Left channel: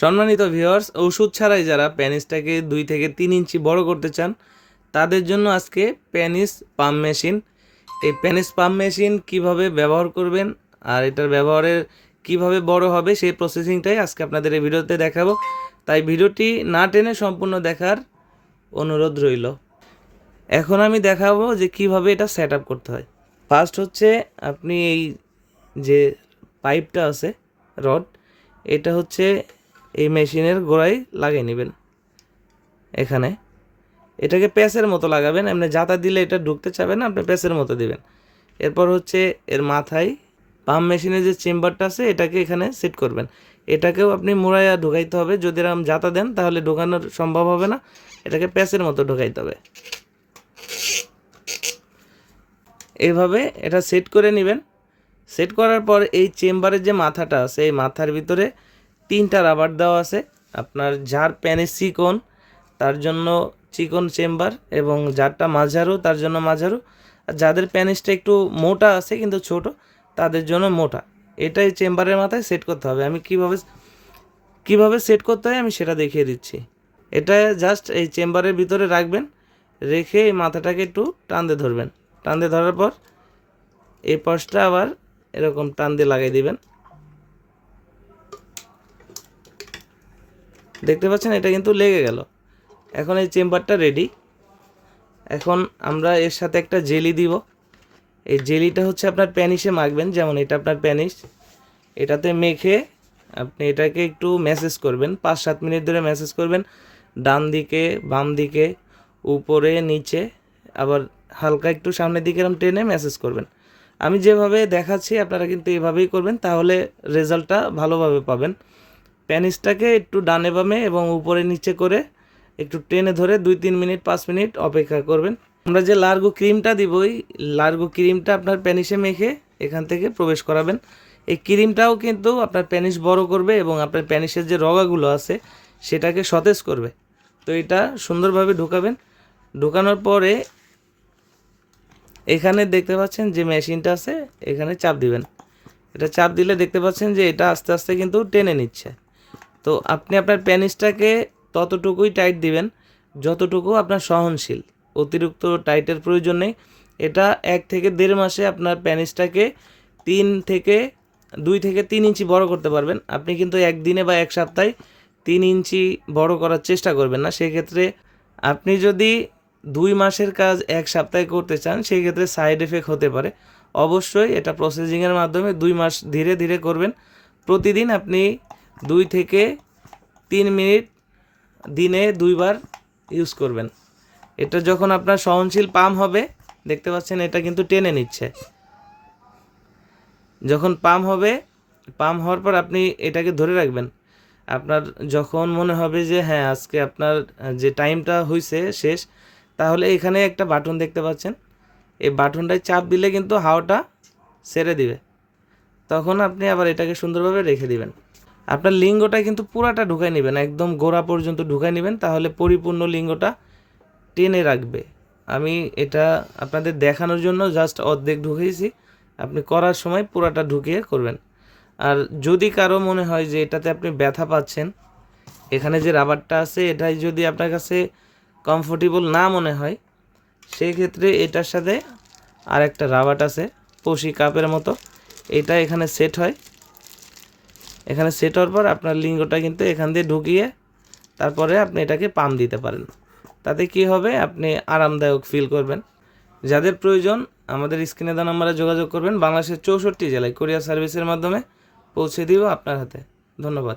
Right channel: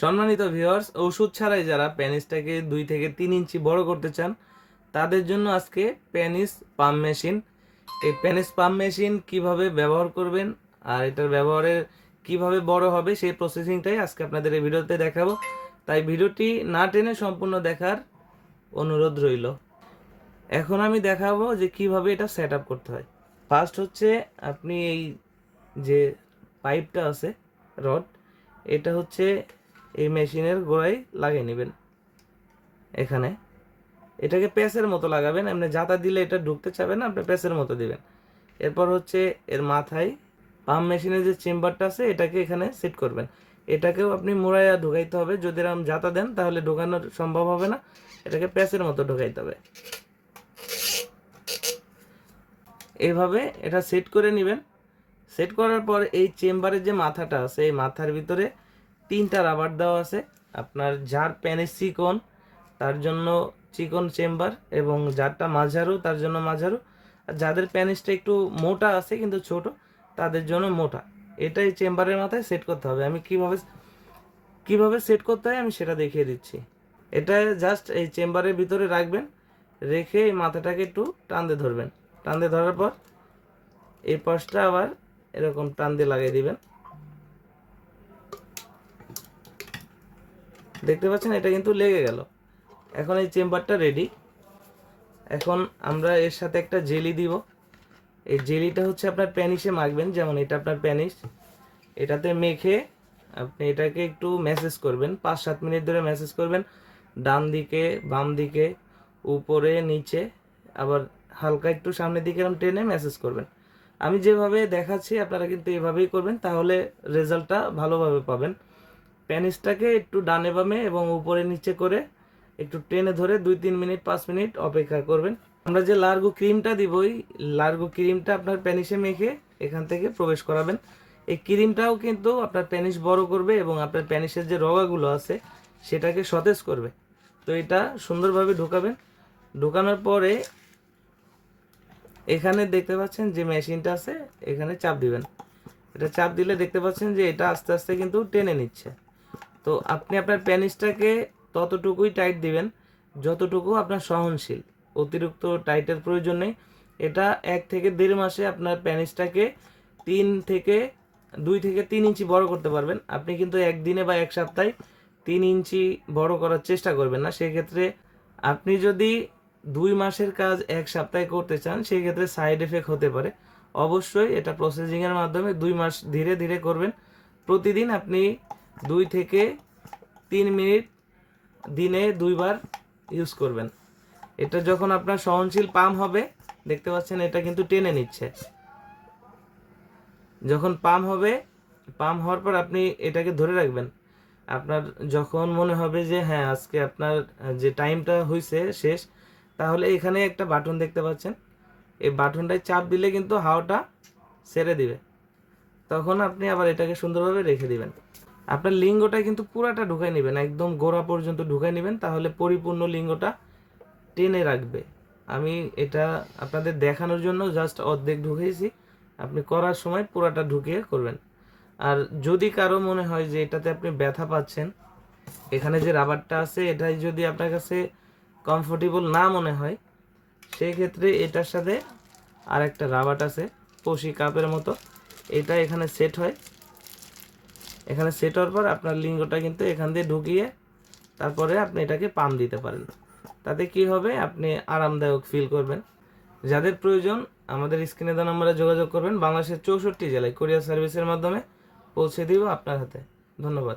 সম্মানিত ভিউয়ার্স, ওষুধ ছাড়াই যারা পেনিসটাকে 2 থেকে 3 ইঞ্চি বড় করতে চান তাদের জন্য আজকে পেনিস পাম্প মেশিন। এই পেনিস পাম্প মেশিন কিভাবে ব্যবহার করবেন আর এটার ব্যবহারের কিভাবে বড় হবে সেই প্রসেসিংটাই আজকে আপনাদের এই ভিডিওতে দেখাবো। তাই ভিডিওটি না টেনে সম্পূর্ণ দেখার অনুরোধ রইল। এখন আমি দেখাবো যে কিভাবে এটা সেট আপ করতে হয়। ফার্স্ট হচ্ছে আপনি এই যে পাইপটা আছে রড, এটা হচ্ছে এই মেশিনের গোড়ায় লাগিয়ে নেবেন। এখানে এটাকে প্যাচের মতো লাগাবেন, এমনি জাতা দিলে এটা ঢুকতে চাবে না, আপনি প্যাচের মতো দিবেন। এরপর হচ্ছে এর মাথায় পাম্প মেশিনের যে চেম্বারটা আছে এটাকে এখানে সেট করবেন। এটাকেও আপনি মুড়াইয়া ঢুকাইতে হবে, যদি এরকম জাতা দেন তাহলে ঢোকানোর সম্ভব হবে না, এটাকে প্যাচের মতো ঢুকাইতে হবে। এইভাবে এটা সেট করে নেবেন। সেট করার পর এই চেম্বারের যে মাথাটা আছে এই মাথার ভিতরে 3টা রাবার দেওয়া আছে। আপনার যার পেনিস চিকন তার জন্য চিকন চেম্বার, এবং যারটা মাঝারু তার জন্য মাঝারু, আর যাদের পেনিসটা একটু মোটা আছে কিন্তু ছোট তাদের জন্য মোটা। এটাই চেম্বারের মাথায় সেট করতে হবে। আমি কিভাবে সেট করতে হয় আমি সেটা দেখিয়ে দিচ্ছি। এটা জাস্ট এই চেম্বারের ভিতরে রাখবেন, রেখে এই মাথাটাকে একটু টান দিয়ে ধরবেন। টান দিয়ে ধরার পর এই পাশটা আবার এরকম টান দিয়ে লাগিয়ে দিবেন। দেখতে পাচ্ছেন এটা কিন্তু লেগে গেল। এখন এই চেম্বারটা রেডি। এখন আমরা এর সাথে একটা জেলি দিব। এই জেলিটা হচ্ছে আপনার প্যানিসে মাখবেন, যেমন এটা আপনার প্যানিস, এটাতে মেখে আপনি এটাকে একটু ম্যাসেজ করবেন, 5-7 মিনিট ধরে ম্যাসেজ করবেন। ডান দিকে, বাম দিকে, উপরে, নিচে, আবার হালকা একটু সামনের দিকে এরকম টেনে ম্যাসেজ করবেন। আমি যেভাবে দেখাচ্ছি আপনারা কিন্তু এভাবেই করবেন, তাহলে রেজাল্টটা ভালোভাবে পাবেন। প্যানিসটাকে একটু ডানে বামে এবং উপরে নিচে করে একটু টেনে ধরে 2-3 মিনিট 5 মিনিট অপেক্ষা করবেন। আমরা যে লার্গো ক্রিমটা দিব, ওই লার্গো ক্রিমটা আপনার প্যানিসে মেখে এখান থেকে প্রবেশ করাবেন। এই ক্রিমটাও কিন্তু আপনার প্যানিস বড় করবে এবং আপনার প্যানিসের যে রগাগুলো আছে সেটাকে সতেজ করবে। তো এটা সুন্দরভাবে ঢোকাবেন। ঢোকানোর পরে এখানে দেখতে পাচ্ছেন যে মেশিনটা আছে, এখানে চাপ দিবেন। এটা চাপ দিলে দেখতে পাচ্ছেন যে এটা আস্তে আস্তে কিন্তু টেনে নিচ্ছে। তো আপনি আপনার প্যানিসটাকে ততটুকুই টাইট দিবেন যতটুকু আপনার সহনশীল, অতিরিক্ত টাইটের প্রয়োজন নেই। এটা 1 থেকে 1.5 মাসে আপনার প্যানিসটাকে 2 থেকে 3 ইঞ্চি বড় করতে পারবেন। আপনি কিন্তু একদিনে বা 1 সপ্তাহে 3 ইঞ্চি বড় করার চেষ্টা করবেন না। সেক্ষেত্রে আপনি যদি 2 মাসের কাজ 1 সপ্তাহে করতে চান সেক্ষেত্রে সাইড এফেক্ট হতে পারে। অবশ্যই এটা প্রসেসিংয়ের মাধ্যমে 2 মাস ধীরে ধীরে করবেন। প্রতিদিন আপনি 2 থেকে 3 মিনিট দিনে 2 বার ইউজ করবেন। এটা যখন আপনার সহনশীল পাম্প হবে, দেখতে পাচ্ছেন এটা কিন্তু টেনে নিচ্ছে। যখন পাম্প হবে, পাম্প হওয়ার পর আপনি এটাকে ধরে রাখবেন। আপনার যখন মনে হবে যে হ্যাঁ আজকে আপনার যে টাইমটা হয়েছে শেষ, তাহলে এখানে একটা বাটন দেখতে পাচ্ছেন, এই বাটনটায় চাপ দিলে কিন্তু হাওয়াটা ছেড়ে দিবে। তখন আপনি আবার এটাকে সুন্দরভাবে রেখে দিবেন। আপনার লিঙ্গটা কিন্তু পুরাটা ঢুকাই নেবেন, একদম গোড়া পর্যন্ত ঢুকাই নেবেন, তাহলে পরিপূর্ণ লিঙ্গটা টেনে রাখবে। আমি এটা আপনাদের দেখানোর জন্য জাস্ট অর্ধেক ঢুকিয়েছি, আপনি করার সময় পুরাটা ঢুকিয়ে করবেন। আর যদি কারো মনে হয় যে এটাতে আপনি ব্যথা পাচ্ছেন, এখানে যে রাবারটা আছে এটাই যদি আপনার কাছে কমফোর্টেবল না মনে হয়, সেই ক্ষেত্রে এটার সাথে আর একটা রাবার আছে পশি কাপের মতো, এটা এখানে সেট হয়। এখানে সেট হওয়ার পর আপনার লিঙ্গটা কিন্তু এখান দিয়ে ঢুকিয়ে তারপরে আপনি এটাকে পাম্প দিতে পারেন। তাতে কি হবে, আপনি আরামদায়ক ফিল করবেন। যাদের প্রয়োজন আমাদের স্ক্রিনে দেওয়া নম্বরে যোগাযোগ করবেন। বাংলাদেশের 64 জেলায় কুরিয়ার সার্ভিসের মাধ্যমে পৌঁছে দিব আপনার হাতে। ধন্যবাদ।